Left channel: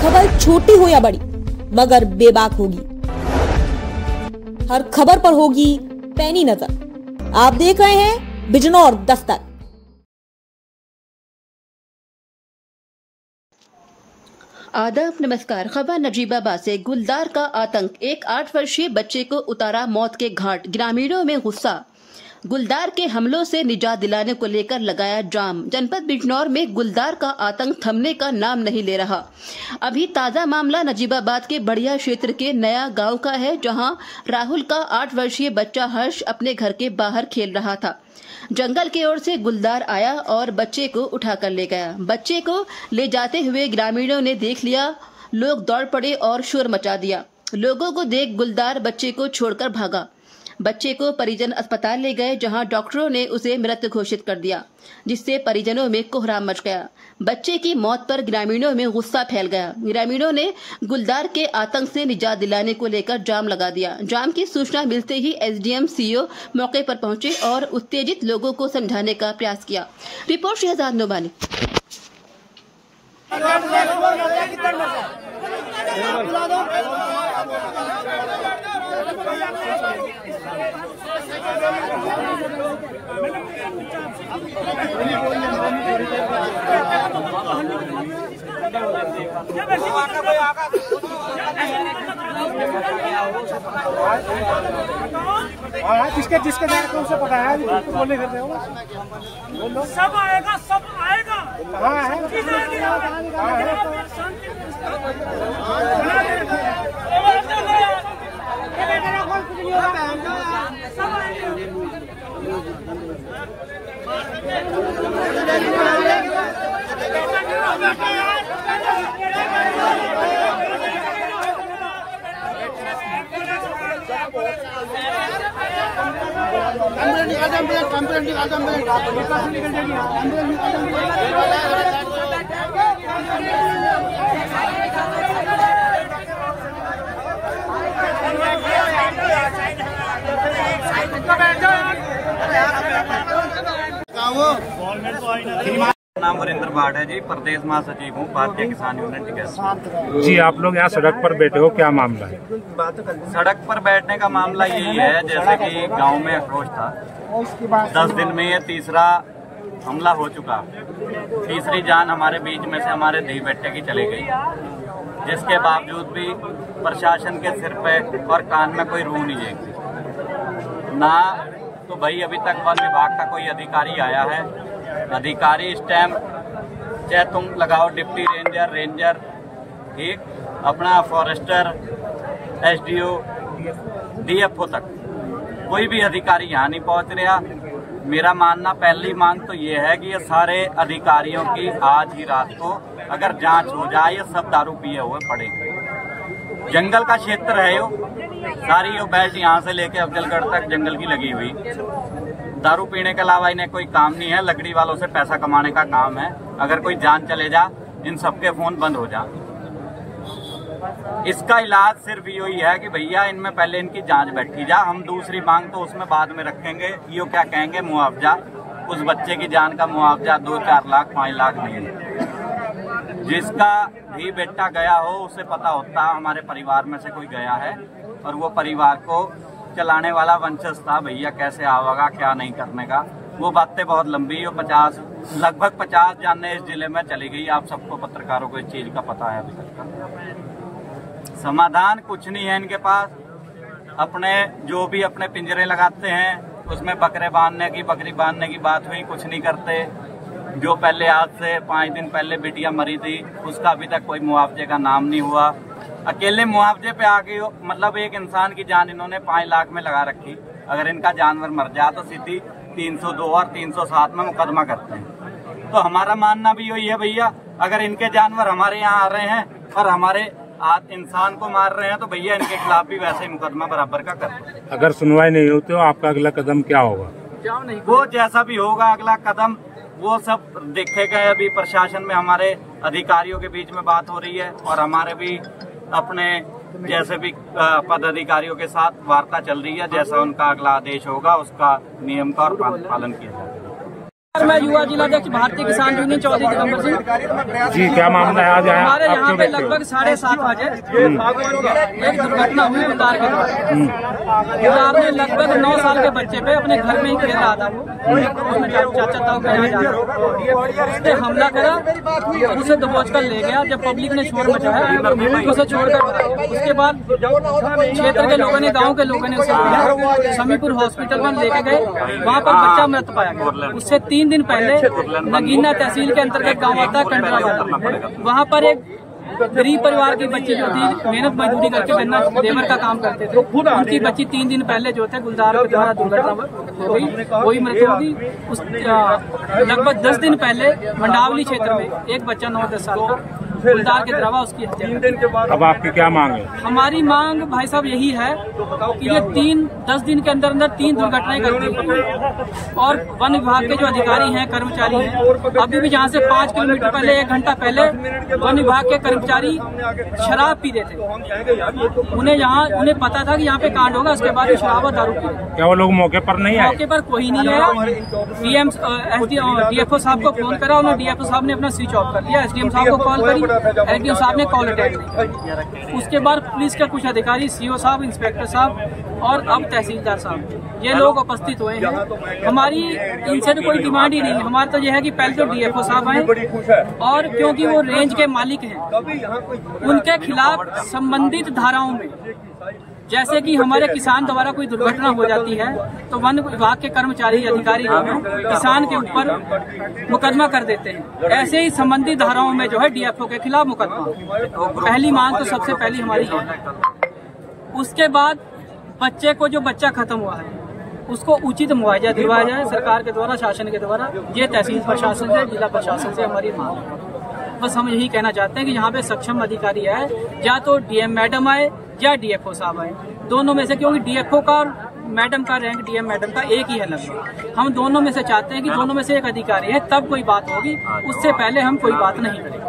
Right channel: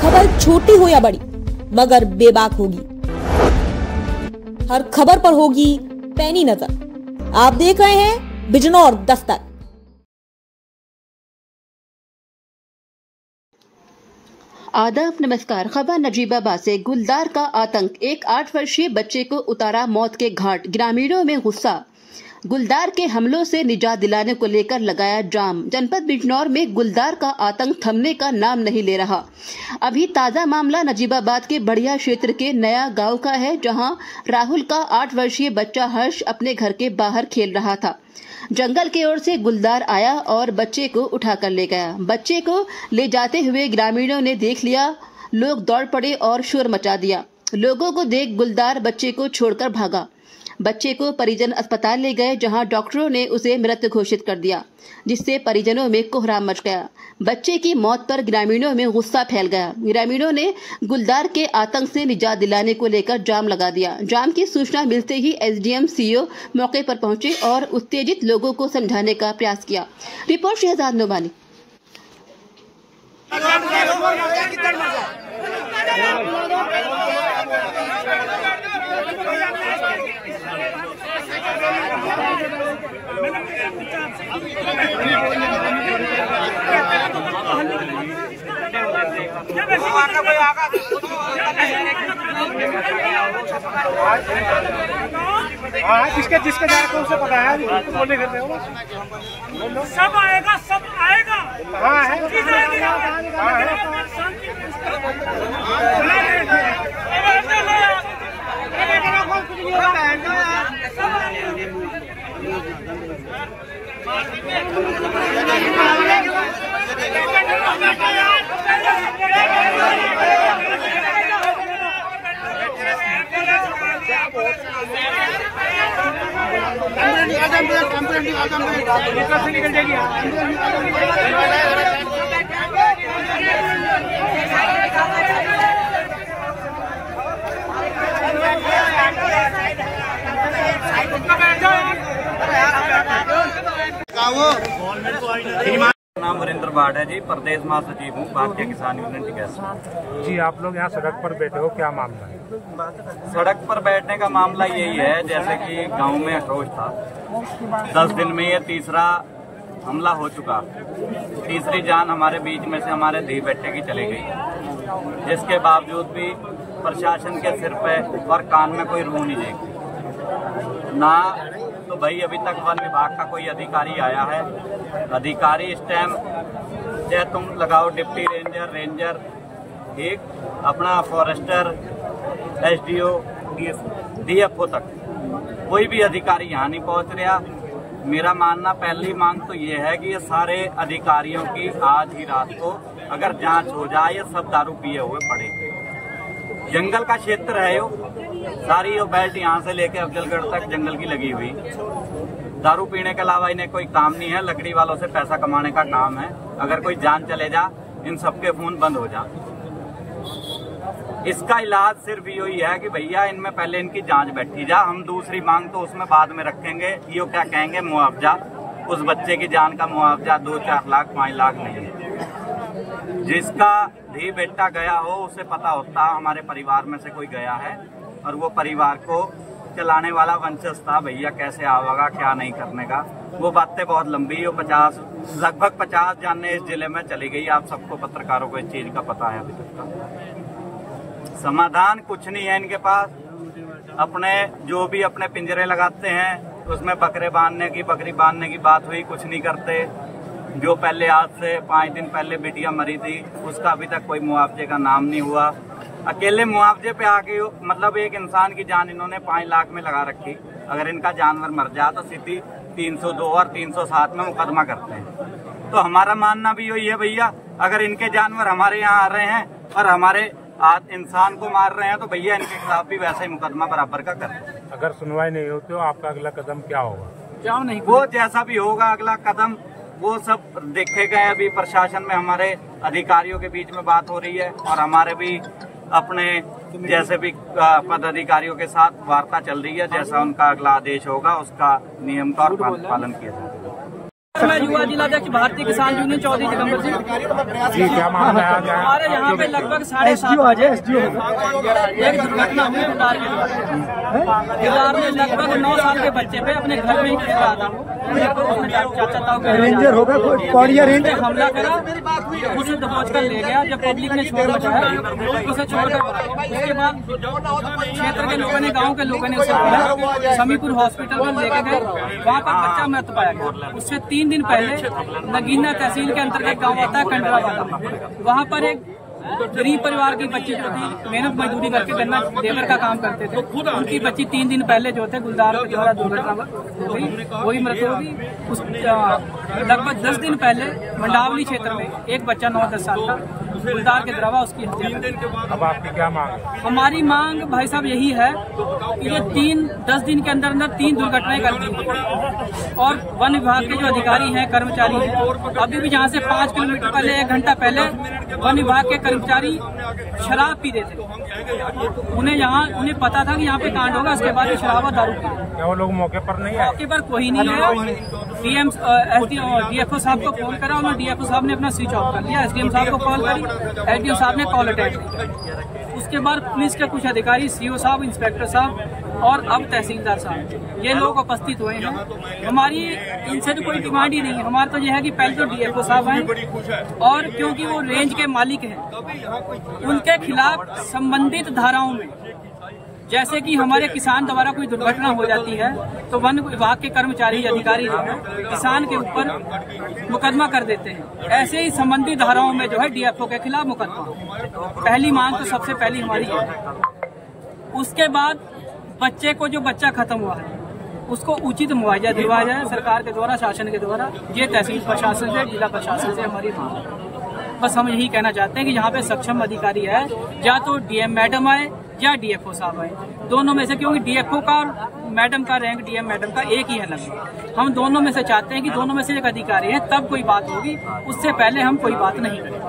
खबर छोटी हो या बड़ी मगर बेबाक होगी। हर खबर पर होगी पैनी नजर। आप देख रहे हैं बिजनौर दस्तक। आदाब, नमस्कार। खबर नजीबाबाद से। गुलदार का आतंक, एक 8 वर्षीय बच्चे को उतारा मौत के घाट। ग्रामीणों में गुस्सा। गुलदार के हमलों से निजात दिलाने को लेकर लगाया जाम। जनपद बिजनौर में गुलदार का आतंक थमने का नाम नहीं ले रहा। अभी ताजा मामला नजीबाबाद के बढ़िया क्षेत्र के नया गांव का है, जहां राहुल का 8 वर्षीय बच्चा हर्ष अपने घर के बाहर खेल रहा था। जंगल की ओर से गुलदार आया और बच्चे को उठाकर ले गया। बच्चे को ले जाते हुए ग्रामीणों ने देख लिया। लोग दौड़ पड़े और शोर मचा दिया। लोगों को देख गुलदार बच्चे को छोड़कर भागा। बच्चे को परिजन अस्पताल ले गए, जहां डॉक्टरों ने उसे मृत घोषित कर दिया, जिससे परिजनों में कोहराम मच गया। बच्चे की मौत पर ग्रामीणों में गुस्सा फैल गया। ग्रामीणों ने गुलदार के आतंक से निजात दिलाने को लेकर जाम लगा दिया। जाम की सूचना मिलते ही एसडीएम सीओ मौके पर पहुंचे और उत्तेजित लोगों को समझाने का प्रयास किया। रिपोर्ट शहजाद नोमानी। जिसके द्वारा कौन सा पता है बोलने करते हो सब आएगा हाँ है कुछ नहीं निकल जाएगी। नाम वरिंदर भाट है जी, प्रदेश महासचिव हूँ भारतीय किसान यूनियन टिकैत। जी, आप लोग यहाँ सड़क पर बैठे हो, क्या मामला है? सड़क पर बैठने का मामला यही है, जैसे कि गांव में आक्रोश था। 10 दिन में ये तीसरा हमला हो चुका। तीसरी जान हमारे बीच में से हमारे धी बेटे की चली गई, जिसके बावजूद भी प्रशासन के सिर पे और कान में कोई रूह नहीं देखती ना। तो भाई अभी तक वन विभाग का कोई अधिकारी आया है? अधिकारी इस टाइम चाहे तुम लगाओ डिप्टी रेंजर ठीक, अपना फॉरेस्टर, एसडीओ, डीएफओ तक कोई भी अधिकारी यहाँ नहीं पहुँच रहा। मेरा मानना, पहली मांग तो ये है कि ये सारे अधिकारियों की आज ही रात को अगर जांच हो जाए। ये सब दारू पिए हुए पड़े, जंगल का क्षेत्र है यो, सारी यो बेल्ट यहाँ से लेके अफजलगढ़ तक जंगल की लगी हुई। दारू पीने के अलावा इन्हें कोई काम नहीं है। लकड़ी वालों से पैसा कमाने का काम है। अगर कोई जान चले जा, इन सबके फोन बंद हो जा। इसका इलाज सिर्फ यही है कि भैया इनमें पहले इनकी जांच बैठी जा। हम दूसरी मांग तो उसमें बाद में रखेंगे। यो क्या कहेंगे, मुआवजा, उस बच्चे की जान का मुआवजा 2-4 लाख 5 लाख नहीं। जिसका धी बेटा गया हो उसे पता होता हमारे परिवार में से कोई गया है, और वो परिवार को चलाने वाला वंशज था। भैया कैसे आवेगा, क्या नहीं करने का, वो बातें बहुत लंबी हो। लगभग 50 जाने इस जिले में चली गई। आप सबको पत्रकारों को इस चीज का पता है। अभी तक का समाधान कुछ नहीं है इनके पास। अपने जो भी अपने पिंजरे लगाते हैं उसमें बकरी बांधने की बात हुई, कुछ नहीं करते। जो पहले आज से 5 दिन पहले बिटिया मरी थी, उसका अभी तक कोई मुआवजे का नाम नहीं हुआ। अकेले मुआवजे पे आके मतलब एक इंसान की जान इन्होंने 5 लाख में लगा रखी। अगर इनका जानवर मर जाए तो सीधी 302 और 307 में मुकदमा करते हैं। तो हमारा मानना भी यही है भैया, अगर इनके जानवर हमारे यहाँ आ रहे हैं और हमारे इंसान को मार रहे हैं तो भैया इनके खिलाफ भी वैसा ही मुकदमा बराबर का कर दो। अगर सुनवाई नहीं होती तो आपका अगला कदम क्या होगा? वो जैसा भी होगा अगला कदम वो सब देखेगा। अभी प्रशासन में हमारे अधिकारियों के बीच में बात हो रही है और हमारे भी अपने जैसे भी पदाधिकारियों के साथ वार्ता चल रही है। जैसा उनका अगला आदेश होगा उसका नियम का और पालन किया जाएगा। मैं युवा जिलाध्यक्ष भारतीय किसान यूनियन चौधरी दिगंबर सिंह जी, क्या मामला है आज? हमारे यहाँ पे लगभग 7:30 बजे एक दुर्घटना हुई गुलदार के द्वारा। गुलदार में लगभग 9 साल के बच्चे पे अपने घर में ही खेल रहा था वो, उसने चाचा ताऊ के यहाँ जा हमला करा, उसे दबोच कर ले गया। जब पब्लिक ने शोर मचाया तो उसे छोड़कर भागा। उसके बाद क्षेत्र के लोगों ने, गाँव के लोगों ने उसे समीपुर हॉस्पिटल में लेके गए। वहाँ पर बच्चा मृत पाया गया। उससे 3 दिन पहले नगीना तहसील के अंतर्गत गांव आता है कंडरावाला, वहां पर एक गरीब परिवार की बच्ची जो थी, मेहनत मजदूरी करके गन्ना लेबर का काम करते थे, उनकी बच्ची 3 दिन पहले जो थे गुलदार के द्वारा दुर्घटना हो गई, वही मृत हो गई। उस लगभग 10 दिन पहले मंडावली क्षेत्र में एक बच्चा 9-10 साल का गुलदार के द्वारा उसकी हत्या कर दी। अब आपकी क्या मांग है? हमारी मांग भाई साहब यही है कि ये 10 दिन के अंदर 3 दुर्घटनाएं कर दी और वन विभाग के जो अधिकारी हैं, कर्मचारी हैं, अभी भी जहाँ से 5 किलोमीटर पहले, 1 घंटा पहले वन विभाग के कर्मचारी शराब पीते थे। उन्हें पता था कि यहाँ पे कांड होगा, उसके बाद भी शराब और दारू पी। क्या वो लोग मौके पर नहीं आए? मौके पर कोई नहीं आया। डीएफओ साहब को फोन करा, उन्होंने डीएफओ साहब ने अपना स्विच ऑफ कर लिया। एसडीएम साहब को कॉल करी, एसडीएम साहब ने कॉल अटेंड नहीं। उसके बाद पुलिस के कुछ अधिकारी, सीओ साहब, इंस्पेक्टर साहब और अब तहसीलदार साहब, ये लोग उपस्थित हुए हैं। हमारी इनसे तो कोई डिमांड ही नहीं है। हमारा तो यह है कि पहले तो डीएफओ साहब आए और क्योंकि वो रेंज के मालिक हैं, उनके खिलाफ संबंधित धाराओं में, जैसे कि हमारे किसान द्वारा कोई दुर्घटना हो जाती है तो वन विभाग के कर्मचारी, अधिकारी जो हैं, किसान के ऊपर मुकदमा कर देते हैं। ऐसे ही संबंधित धाराओं में जो है डीएफओ के खिलाफ मुकदमा। पहली मांग तो सबसे पहली हमारी है। उसके बाद बच्चे को, जो बच्चा खत्म हुआ है, उसको उचित मुआवजा दिलवाया जाए सरकार के द्वारा, शासन के द्वारा। ये तहसील प्रशासन से, जिला प्रशासन से हमारी मांग है। बस हम यही कहना चाहते हैं कि यहाँ पे सक्षम अधिकारी है, या तो डीएम मैडम आए या डीएफओ साहब आए, दोनों में से, क्योंकि डीएफओ का और मैडम का रैंक डीएम मैडम का एक ही है लगभग। हम दोनों में से चाहते हैं कि दोनों में से एक अधिकारी है, तब कोई बात होगी, उससे पहले हम कोई बात नहीं करें।